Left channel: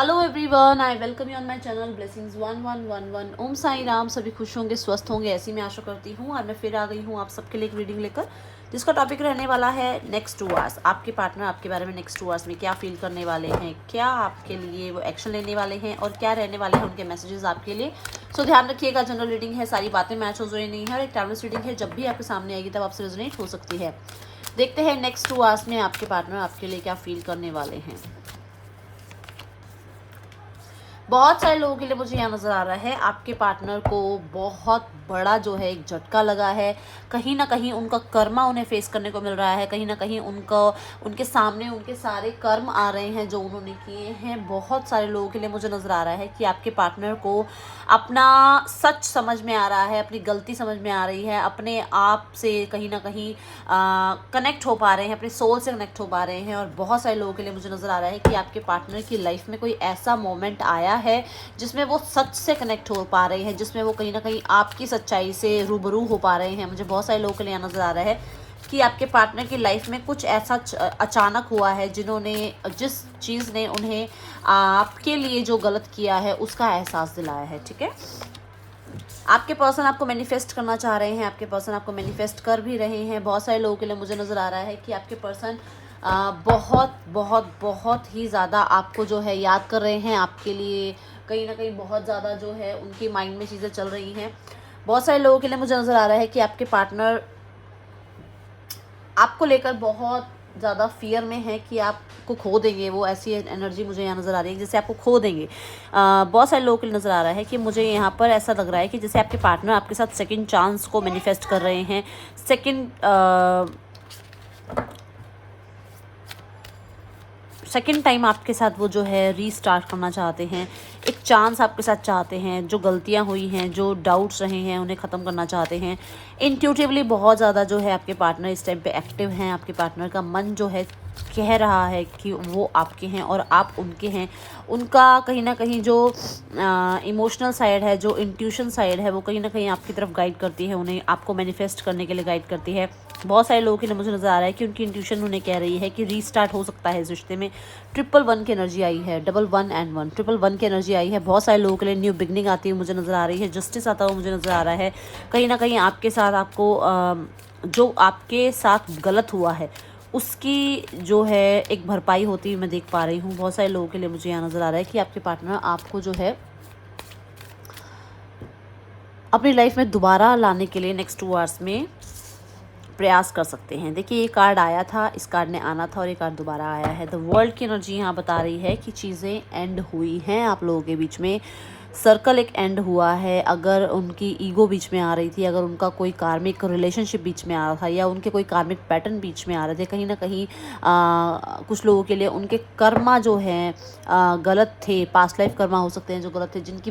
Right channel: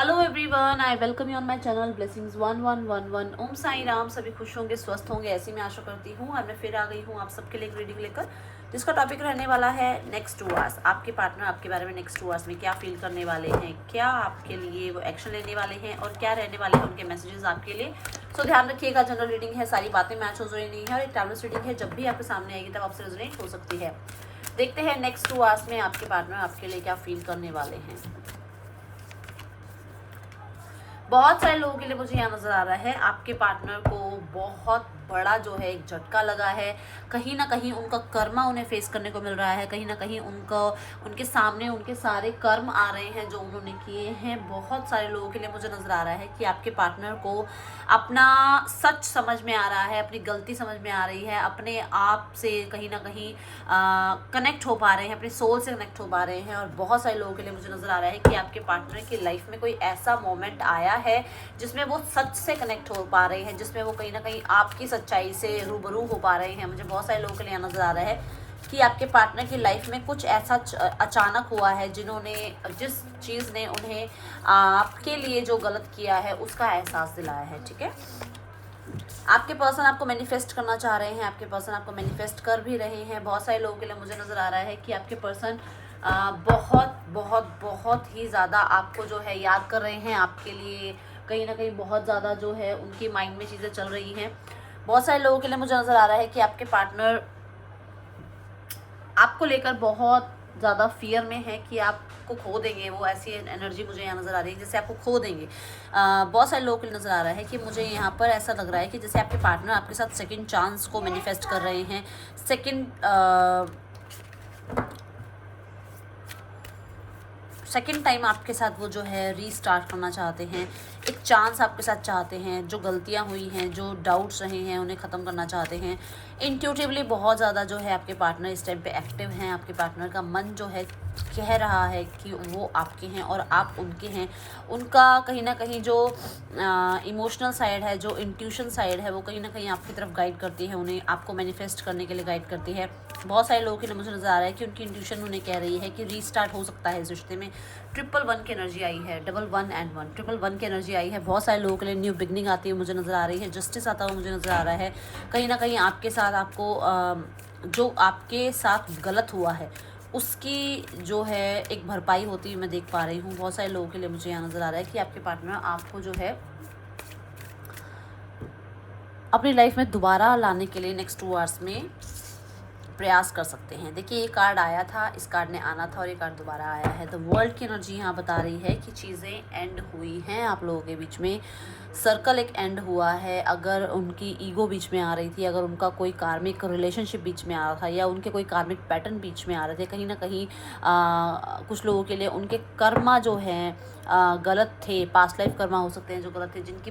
Hello everyone, I welcome you on my channel blessings 1111। ओम साई राम। सभी खुश होंगे, स्वस्थ होंगे, ऐसी मैं आशा करती हूँ। और मैं फिर आ गई हूँ आप सबके लिए एक रीडिंग लेकर, जिसका टॉपिक रहने वाला है नेक्स्ट 2 आवर्स। आपके पार्टनर आपके बारे में नेक्स्ट 2 आवर्स में क्या फील करने वाले हैं, क्या आपके लिए वो एक्शन लेने वाले हैं और क्या रहने वाले हैं उनके मैसेजेस आपके लिए। सो ध्यान रखिएगा, जनरल रीडिंग है, सारी बातें मैच हो रही नहीं है और एक टाइमलेस रीडिंग है। जब भी आपके सामने आएगी तब आपसे रेजोनेट हो सकती है। देखते हैं नेक्स्ट 2 आवर्स में आपके पार्टनर आपके लिए क्या फील करने वाले हैं। बहुत सारे लोगों के लिए मुझे यहाँ नजर आ रहा है आपके पार्टनर को बहुत बड़ा जो है एक झटका लगा है। कहीं ना कहीं उनका कर्मा उन्हें फेस करने को मिल रहा है। कहीं ना कहीं उनके सामने उनके सारे कर्म आ रहे हैं जो उन्होंने किए हैं। बहुत सारे लोगों के लिए मुझे नजर आ रहा है कि आपके पार्टनर को अपना सच समझ में आ रहा है, अपनी गलती समझ में आ रही है, अपने आप से कहीं ना कहीं कनेक्ट हो पा रहे हैं, अपने सोल से कनेक्ट हो पा रहे हैं। और बहुत सारे लोगों के लिए मुझे नजर आ रहा है कि आपके पार्टनर की लाइफ में कोई ऐसा मोमेंट आया है जिसमें वो सच से कनेक्ट हो पा रहे हैं, जिसमें वो कहीं ना कहीं आपकी सच्चाई से रूबरू हो पा रहे हैं। मुझे बहुत सारे लोगों के लिए नजर आ रहा है कि आपके पार्टनर की लाइफ में कुछ ऐसा अचानक हुआ है जिस चीज़ ने उन्हें आपके लिए जो गलत किया है उसका एहसास दिलाया है। ठीक है, आपके पर्सन आपको मैनिफेस्ट करना चाह रहे हैं, आपके पर्सन आपको मैनिफेस्ट कर भी रहे हैं। बहुत सारे लोगों के लिए मुझे नज़र आ रहा है कि आपके पर्सन बहुत बहुत बहुत ही ज़्यादा आपको जो है याद कर रहे हैं। आपके लिए कहीं ना कहीं बहुत ज़्यादा जो है उनकी माइंड में चीज़ें चल रही हैं। बहुत सारे लोगों के लिए मुझे नज़र आ रहा है कि आपके पार्टनर आपको लेकर बहुत ज़्यादा फियर में है कि आपको खो देंगे। वो ऐसी एनर्जी मुझे यहाँ नज़र आ रही है जैसे आपको खो देंगे। बहुत सारे लोगों के लिए नज़र आ रहा है कि मुझे यहाँ पर ऐसा लग रहा है कि जैसे आपके पार्टनर आपके साथ सेकंड चांस को मैनिफेस्ट कर रहे हैं। सेकेंड टाइम आपके साथ वो जो है रीस्टार्ट करना चाहते हैं, एक चांस आपके साथ चाहते हैं। जो गलतियां हुई हैं, जो डाउट्स रहे हैं, उन्हें ख़त्म करना चाहते हैं। इंट्यूटिवली बहुत ज़्यादा जो है आपके पार्टनर इस टाइम पे एक्टिव हैं। आपके पार्टनर का मन जो है कह रहा है कि वो आपके हैं और आप उनके हैं। उनका कहीं ना कहीं जो इमोशनल साइड है, जो इंट्यूशन साइड है, वो कहीं ना कहीं आपकी तरफ गाइड करती है, उन्हें आपको मैनिफेस्ट करने के लिए गाइड करती है। बहुत सारे लोगों के लिए मुझे नज़र आ रहा है कि उनकी इंट्यूशन उन्हें कह रही है कि रीस्टार्ट हो सकता है इस रिश्ते में। 111 की एनर्जी आई है, 11 एंड 1, 111 की एनर्जी आई है। बहुत सारे लोगों के लिए न्यू बिगनिंग आती है मुझे नज़र आ रही है। जस्टिस आता हुआ मुझे नज़र आ रहा है। कहीं ना कहीं आपके साथ आपको जो आपके साथ गलत हुआ है उसकी जो है एक भरपाई होती हुई मैं देख पा रही हूँ। बहुत सारे लोगों के लिए मुझे यहाँ नज़र आ रहा है कि आपके पार्टनर आपको जो है अपनी लाइफ में दोबारा लाने के लिए नेक्स्ट 2 आवर्स में प्रयास कर सकते हैं। देखिए, ये कार्ड आया था, इस कार्ड ने आना था और ये कार्ड दोबारा आया है। द वर्ल्ड की एनर्जी यहाँ बता रही है कि चीज़ें एंड हुई हैं आप लोगों के बीच में। सर्कल एक एंड हुआ है। अगर उनकी ईगो बीच में आ रही थी, अगर उनका कोई कार्मिक रिलेशनशिप बीच में आ रहा था या उनके कोई कार्मिक पैटर्न बीच में आ रहे थे, कहीं ना कहीं कुछ लोगों के लिए उनके कर्मा जो है गलत थे। पास्ट लाइफ कर्मा हो सकते हैं जो गलत थे, जिनकी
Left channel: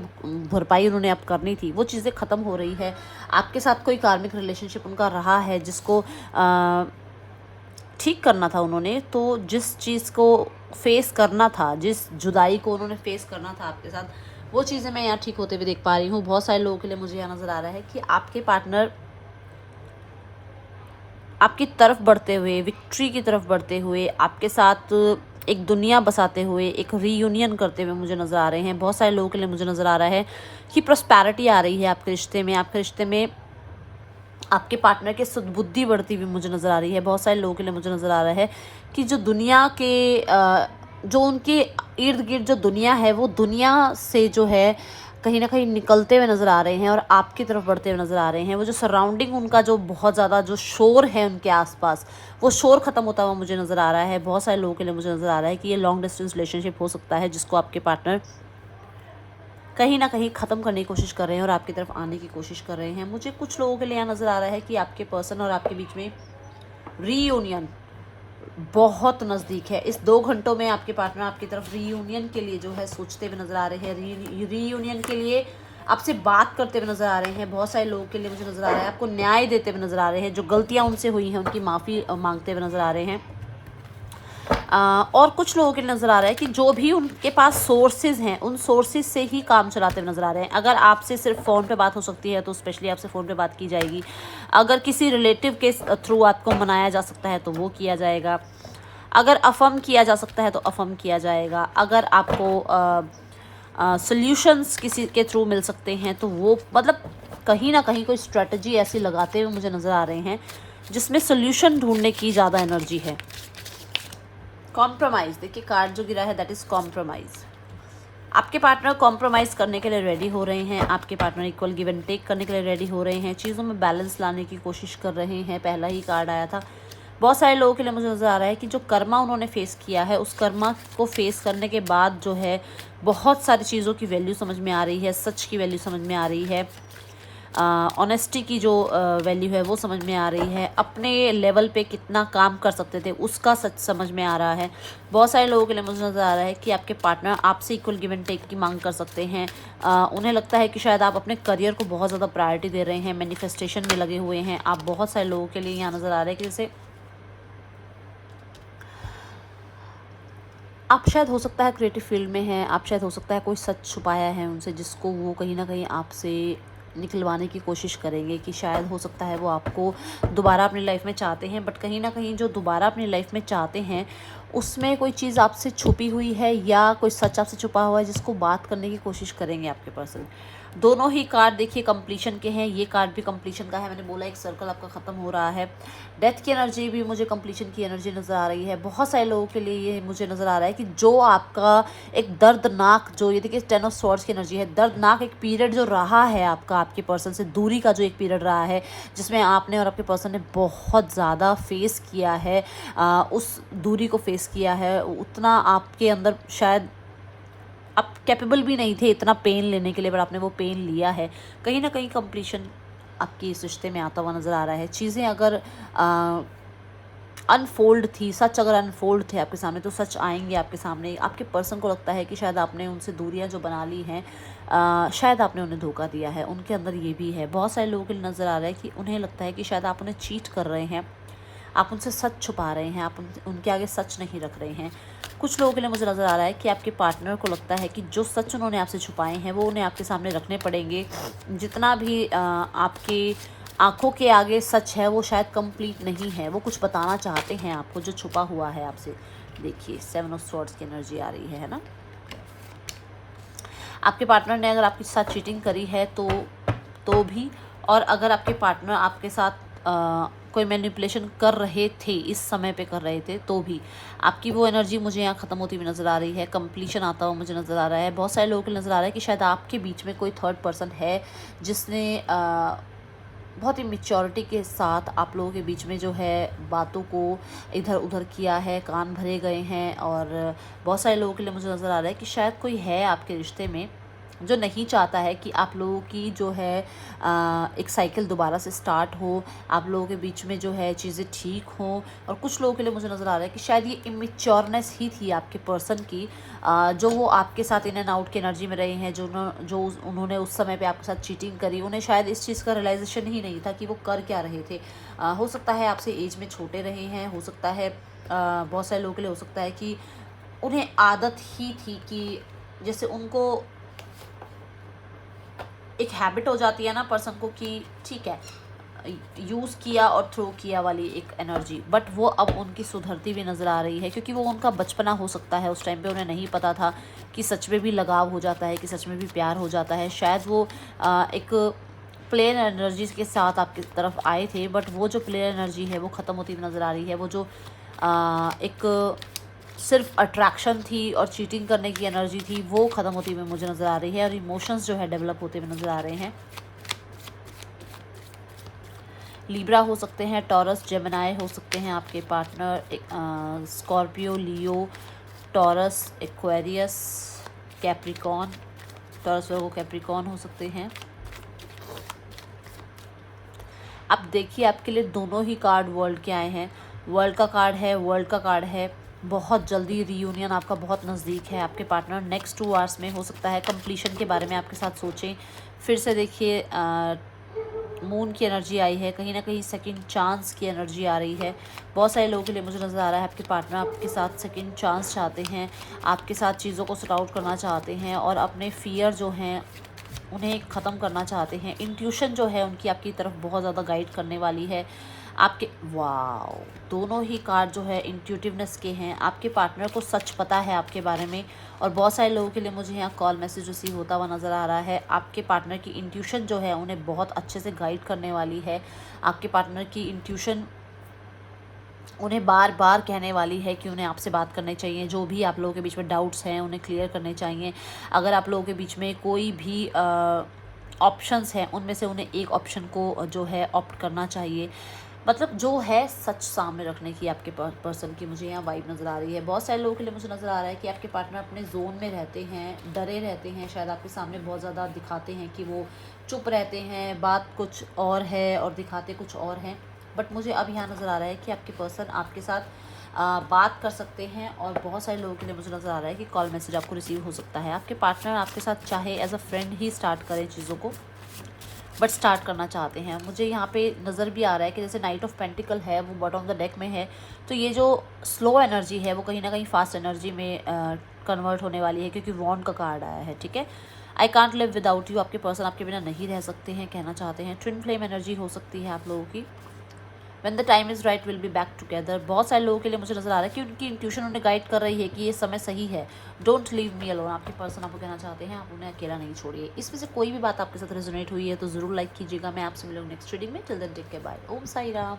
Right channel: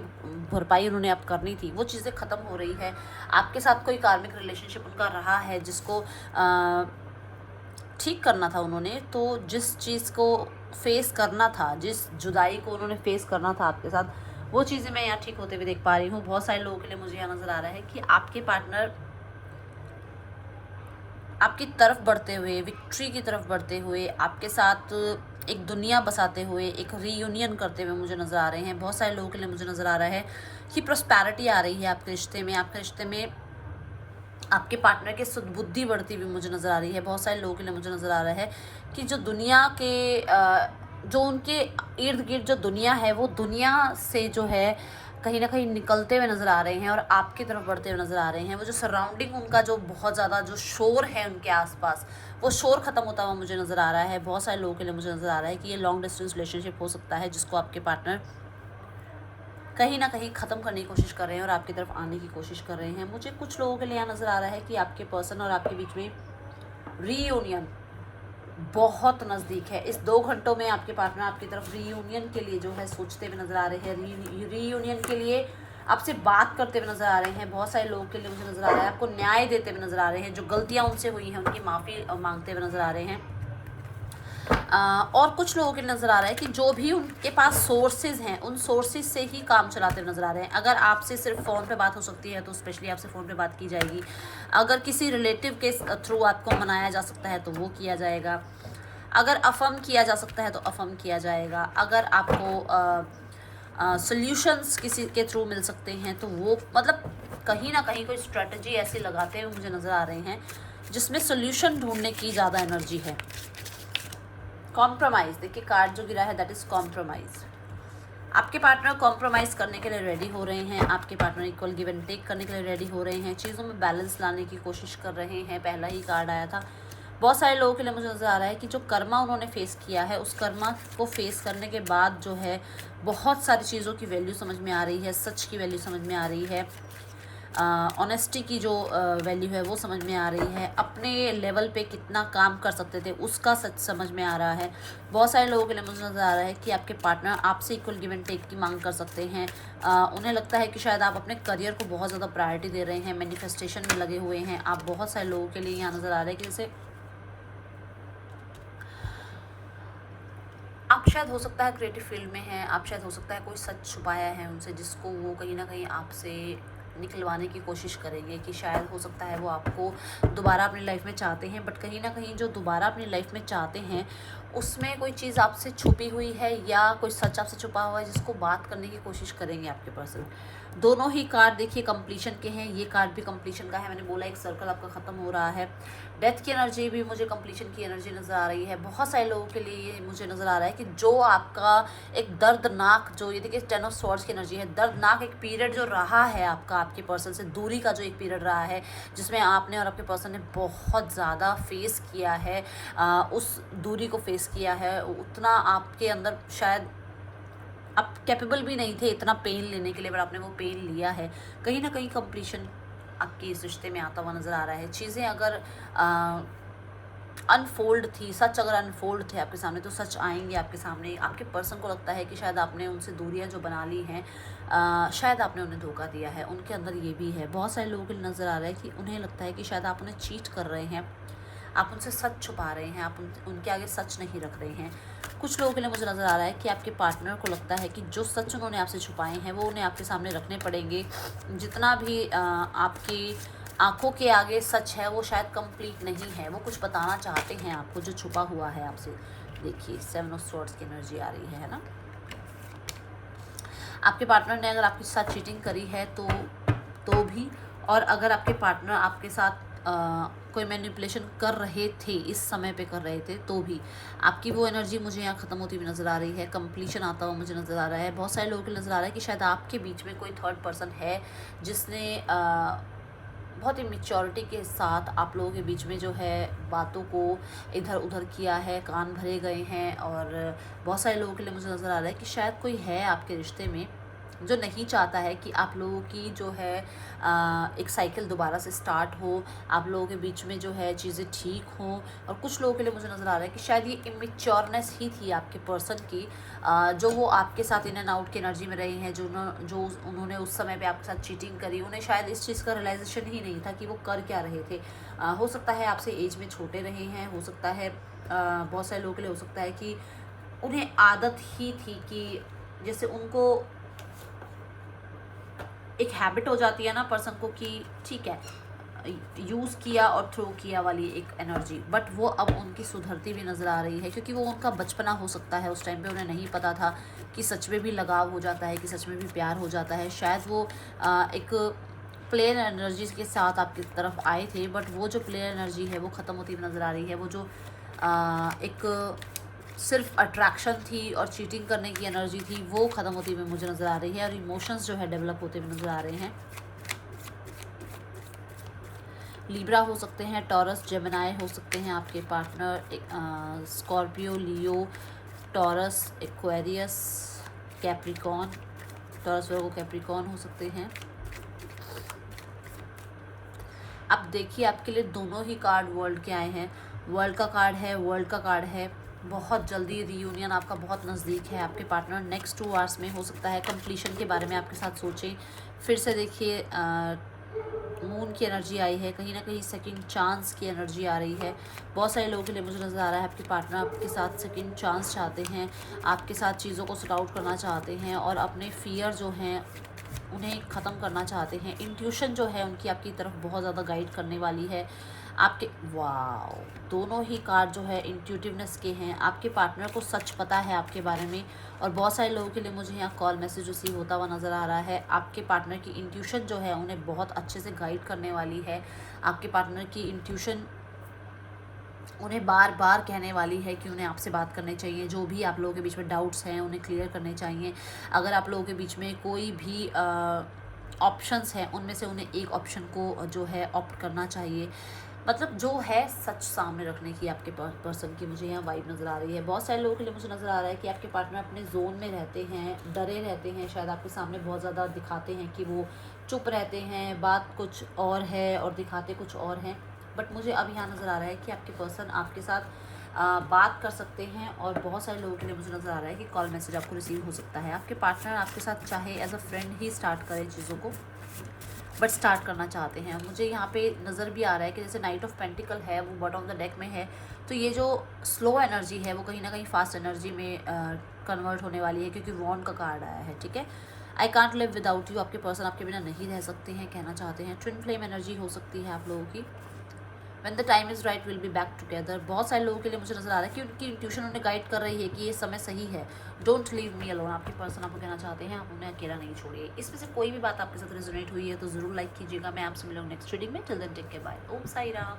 भरपाई उन्होंने अब करनी थी, वो चीज़ें ख़त्म हो रही है। आपके साथ कोई कार्मिक रिलेशनशिप उनका रहा है जिसको ठीक करना था उन्होंने। तो जिस चीज़ को फेस करना था, जिस जुदाई को उन्होंने फेस करना था आपके साथ, वो चीज़ें मैं यहाँ ठीक होते हुए देख पा रही हूँ। बहुत सारे लोगों के लिए मुझे यहाँ नज़र आ रहा है कि आपके पार्टनर आपकी तरफ बढ़ते हुए, विक्ट्री की तरफ बढ़ते हुए, आपके साथ एक दुनिया बसाते हुए, एक रीयूनियन करते हुए मुझे नज़र आ रहे हैं। बहुत सारे लोगों के लिए मुझे नज़र आ रहा है कि प्रॉस्पेरिटी आ रही है आपके रिश्ते में। आपके रिश्ते में आपके पार्टनर के सुदबुद्धि बढ़ती हुई मुझे नज़र आ रही है। बहुत सारे लोगों के लिए मुझे नज़र आ रहा है कि जो दुनिया के जो उनके इर्द गिर्द जो दुनिया है, वो दुनिया से जो है कहीं ना कहीं निकलते हुए नज़र आ रहे हैं और आपकी तरफ बढ़ते हुए नज़र आ रहे हैं। वो जो सराउंडिंग उनका जो बहुत ज़्यादा जो शोर है उनके आसपास, वो शोर ख़त्म होता हुआ मुझे नज़र आ रहा है। बहुत सारे लोगों के लिए मुझे नज़र आ रहा है कि ये लॉन्ग डिस्टेंस रिलेशनशिप हो सकता है जिसको आपके पार्टनर कहीं ना कहीं ख़त्म करने की कोशिश कर रहे हैं और आपकी तरफ आने की कोशिश कर रहे हैं। मुझे कुछ लोगों के लिए नज़र आ रहा है कि आपके पर्सन और आपके बीच में रीयूनियन बहुत नज़दीक है। इस 2 घंटों में आपके पार्टनर आपकी तरफ रीयूनियन के लिए जो है सोचते हुए नज़र आ रहे हैं। रीयूनियन के लिए आपसे बात करते हुए नज़र आ रहे हैं। बहुत सारे लोगों के लिए मुझे नज़र आ रहा है आपको न्याय देते हुए नज़र आ रहे हैं। जो गलतियाँ उनसे हुई हैं उनकी माफ़ी मांगते हुए नज़र आ रहे हैं। और कुछ लोगों के नज़र आ रहा है कि जो भी उनके पास सोर्सेज हैं, उन सोर्सेज से ही काम चलाते नज़र आ रहे हैं। अगर आपसे सिर्फ फ़ोन पे बात हो सकती है तो स्पेशली आपसे फ़ोन पे बात की जाएगी। अगर किसी रिलेटिव के थ्रू आपको मनाया जा सकता है तो वो किया जाएगा। अगर अफर्म किया जा सकता है तो अफर्म किया जाएगा। अगर आपको सॉल्यूशंस किसी के थ्रू मिल सकते हैं तो वो मतलब कहीं ना कहीं कोई स्ट्रेटजी ऐसी लगाते हुए मुझे नज़र आ रहे हैं जिसमें सॉल्यूशन ढूंढने की ज़्यादा एनर्जी है। कॉम्प्रोमाइज़, देखिए कार्ड जो गिरा है दैट इज़ कॉम्प्रोमाइज़। आपके पार्टनर कॉम्प्रोमाइज़ करने के लिए रेडी हो रहे हैं, आपके partner equal give and take करने के लिए रेडी हो रहे हैं, चीज़ों में बैलेंस लाने की कोशिश कर रहे हैं। पहला ही कार्ड आया था। बहुत सारे लोगों के लिए मुझे नज़र आ रहा है कि जो कर्मा उन्होंने फेस किया है उस कर्मा को फेस करने के बाद जो है बहुत सारी चीज़ों की वैल्यू समझ में आ रही है, सच की वैल्यू समझ में आ रही है, ऑनेस्टी की जो वैल्यू है वो समझ में आ रही है, अपने लेवल पे कितना काम कर सकते थे उसका सच समझ में आ रहा है। बहुत सारे लोगों के लिए मुझे नज़र आ रहा है कि आपके पार्टनर आपसे इक्वल गिव एंड टेक की मांग कर सकते हैं। उन्हें लगता है कि शायद आप अपने करियर को बहुत ज़्यादा प्रायोरिटी दे रहे हैं, मैनिफेस्टेशन में लगे हुए हैं आप। बहुत सारे लोगों के लिए यहाँ नज़र आ रहा है कि जैसे आप शायद हो सकता है क्रिएटिव फील्ड में हैं, आप शायद हो सकता है कोई सच छुपाया है उनसे जिसको वो कहीं ना कहीं आपसे निकलवाने की कोशिश करेंगे, कि शायद हो सकता है वो आपको दोबारा अपनी लाइफ में चाहते हैं, बट कहीं ना कहीं जो दोबारा अपनी लाइफ में चाहते हैं उसमें कोई चीज़ आपसे छुपी हुई है या कोई सच आपसे छुपा हुआ है जिसको बात करने की कोशिश करेंगे आपके पर्सन। दोनों ही कार्ड देखिए कंप्लीशन के हैं, ये कार्ड भी कंप्लीशन का है। मैंने बोला एक सर्कल आपका ख़त्म हो रहा है। डेथ की एनर्जी भी मुझे कंप्लीशन की एनर्जी नज़र आ रही है। बहुत सारे लोगों के लिए ये मुझे नज़र आ रहा है कि जो आपका एक दर्दनाक, जो ये देखिए 10 ऑफ स्वॉर्ड्स की एनर्जी है, दर्दनाक एक पीरियड जो रहा है आपका आपके पर्सन से दूरी का जो एक पीरियड रहा है जिसमें आपने और आपके पर्सन ने बहुत ज़्यादा फेस किया है, उस दूरी को फेस किया है, उतना आपके अंदर शायद आप कैपेबल भी नहीं थे इतना पेन लेने के लिए, बट आपने वो पेन लिया है। कहीं ना कहीं कंप्लीशन आपके इस रिश्ते में आता हुआ नज़र आ रहा है। चीज़ें अगर अनफोल्ड थी, सच अगर अनफोल्ड थे आपके सामने तो सच आएंगे आपके सामने। आपके पर्सन को लगता है कि शायद आपने उनसे दूरियां जो बना ली हैं, शायद आपने उन्हें धोखा दिया है। उनके अंदर ये भी है। बहुत सारे लोगों के लिए नज़र आ रहा है कि उन्हें लगता है कि शायद आप उन्हें चीट कर रहे हैं, आप उनसे सच छुपा रहे हैं, आप उनके आगे सच नहीं रख रहे हैं। कुछ लोगों के लिए मुझे नज़र आ रहा है कि आपके पार्टनर को लगता है कि जो सच उन्होंने आपसे छुपाए हैं वो उन्हें आपके सामने रखने पड़ेंगे। जितना भी आपके आंखों के आगे सच है वो शायद कंप्लीट नहीं है, वो कुछ बताना चाहते हैं आपको जो छुपा हुआ है आपसे। देखिए 7 ऑफ स्वॉर्ड्स की एनर्जी आ रही है ना। आपके पार्टनर ने अगर आपके साथ चीटिंग करी है तो भी, और अगर आपके पार्टनर आपके साथ कोई मैनिपुलेशन कर रहे थे, इस समय पे कर रहे थे तो भी, आपकी वो एनर्जी मुझे यहाँ ख़त्म होती हुई नज़र आ रही है। कंप्लीशन आता हुआ मुझे नज़र आ रहा है। बहुत सारे लोगों को नज़र आ रहा है कि शायद आपके बीच में कोई थर्ड पर्सन है जिसने बहुत ही मेच्योरिटी के साथ आप लोगों के बीच में जो है बातों को इधर उधर किया है, कान भरे गए हैं। और बहुत सारे लोगों के लिए मुझे नज़र आ रहा है कि शायद कोई है आपके रिश्ते में जो नहीं चाहता है कि आप लोगों की जो है एक साइकिल दोबारा से स्टार्ट हो, आप लोगों के बीच में जो है चीज़ें ठीक हों। और कुछ लोगों के लिए मुझे नज़र आ रहा है कि शायद ये इमेच्योरनेस ही थी आपके पर्सन की, जो वो आपके साथ इन एंड आउट की एनर्जी में रहे हैं, जो उन्होंने उस समय पे आपके साथ चीटिंग करी। उन्हें शायद इस चीज़ का रियलाइजेशन ही नहीं था कि वो कर क्या रहे थे। हो सकता है आपसे एज में छोटे रहे हैं, हो सकता है बहुत सारे लोगों के लिए हो सकता है कि उन्हें आदत ही थी कि जैसे उनको एक हैबिट हो जाती है ना पर्सन को कि ठीक है यूज़ किया और थ्रो किया वाली एक एनर्जी, बट वो अब उनकी सुधरती भी नज़र आ रही है क्योंकि वो उनका बचपना हो सकता है। उस टाइम पे उन्हें नहीं पता था कि सच में भी लगाव हो जाता है, कि सच में भी प्यार हो जाता है। शायद वो एक प्लेयर एनर्जी के साथ आपकी तरफ आए थे, बट वो जो प्लेयर एनर्जी है वो ख़त्म होती हुई नज़र आ रही है। वो जो एक सिर्फ अट्रैक्शन थी और चीटिंग करने की एनर्जी थी वो ख़त्म होती हुई मुझे नज़र आ रही है, और इमोशंस जो है डेवलप होते हुए नज़र आ रहे हैं। लिब्रा हो सकते हैं, टॉरस, जेमिनाई हो सकते हैं आपके पार्टनर, स्कॉर्पियो, लियो, टॉरस, एक्वेरियस, कैप्रिकॉन। टॉरस वो कैप्रिकॉन हो सकते हैं। अब देखिए आपके लिए दोनों ही कार्ड वर्ल्ड के आए हैं। वर्ल्ड का कार्ड है, वर्ल्ड का कार्ड है। बहुत जल्दी रीयूनियन आपका बहुत नज़दीक है। आपके पार्टनर नेक्स्ट 2 आवर्स में हो सकता है कंप्लीशन के बारे में आपके साथ सोचें। फिर से देखिए मून की एनर्जी आई है, कहीं ना कहीं सेकंड चांस की एनर्जी आ रही है। बहुत सारे लोगों के लिए मुझे नज़र आ रहा है आपके पार्टनर आपके साथ सेकंड चांस चाहते हैं, आपके साथ चीज़ों को सॉर्ट आउट करना चाहते हैं और अपने फियर जो हैं उन्हें ख़त्म करना चाहते हैं। इंट्यूशन जो है उनकी आपकी तरफ बहुत ज़्यादा गाइड करने वाली है। आपके वाओ, दोनों ही कार्ड जो है इंट्यूटिवनेस के हैं। आपके पार्टनर को सच पता है आपके बारे में, और बहुत सारे लोगों के लिए मुझे यहाँ कॉल मैसेज रिसीव होता हुआ नज़र आ रहा है। आपके पार्टनर की इंट्यूशन जो है उन्हें बहुत अच्छे से गाइड करने वाली है। आपके पार्टनर की इंट्यूशन उन्हें बार बार कहने वाली है कि उन्हें आपसे बात करनी चाहिए। जो भी आप लोगों के बीच में डाउट्स हैं उन्हें क्लियर करने चाहिए। अगर आप लोगों के बीच में कोई भी ऑप्शंस हैं उनमें से उन्हें एक ऑप्शन को जो है ऑप्ट करना चाहिए। मतलब जो है सच सामने रखने की आपके पर्सन की मुझे यहाँ वाइब नज़र आ रही है। बहुत सारे लोगों के लिए मुझे नज़र आ रहा है कि आपके पार्टनर अपने जोन में रहते हैं, डरे रहते हैं, शायद आपके सामने बहुत ज़्यादा दिखाते हैं कि वो चुप रहते हैं, बात कुछ और है और दिखाते कुछ और हैं। बट मुझे अब यहाँ नज़र आ रहा है कि आपके पर्सन आपके साथ बात कर सकते हैं, और बहुत सारे लोगों के लिए मुझे नज़र आ रहा है कि कॉल मैसेज आपको रिसीव हो सकता है। आपके पार्टनर आपके साथ चाहे एज अ फ्रेंड ही स्टार्ट करें चीज़ों को, बट स्टार्ट करना चाहते हैं। मुझे यहाँ पे नज़र भी आ रहा है कि जैसे नाइट ऑफ पेंटिकल है वो बॉटम ऑफ द डेक में है, तो ये जो स्लो एनर्जी है वो कहीं ना कहीं फास्ट एनर्जी में कन्वर्ट होने वाली है, क्योंकि वॉन्ड का कार्ड आया है। ठीक है, I can't live without you, आपके पर्सन आपके बिना नहीं रह सकते हैं कहना चाहते हैं। ट्विन फ्लेम एनर्जी हो सकती है आप लोगों की। When the time is right will be back together. बहुत सारे लोगों के लिए मुझे नज़र आ रहा है कि उनकी इंट्यूशन उन्हें गाइड कर रही है कि ये समय सही है। डोंट लीव मी अलोन, आपके पर्सन आपको कहना चाहते हैं आप उन्हें अकेला नहीं छोड़िए। इसमें से कोई भी बात आपके साथ रेजोनेट हुई है तो ज़रूर लाइक कीजिएगा। मैं आपसे मिलूंगी नेक्स्ट रीडिंग में। Till then take care, bye, Om Sai Ram.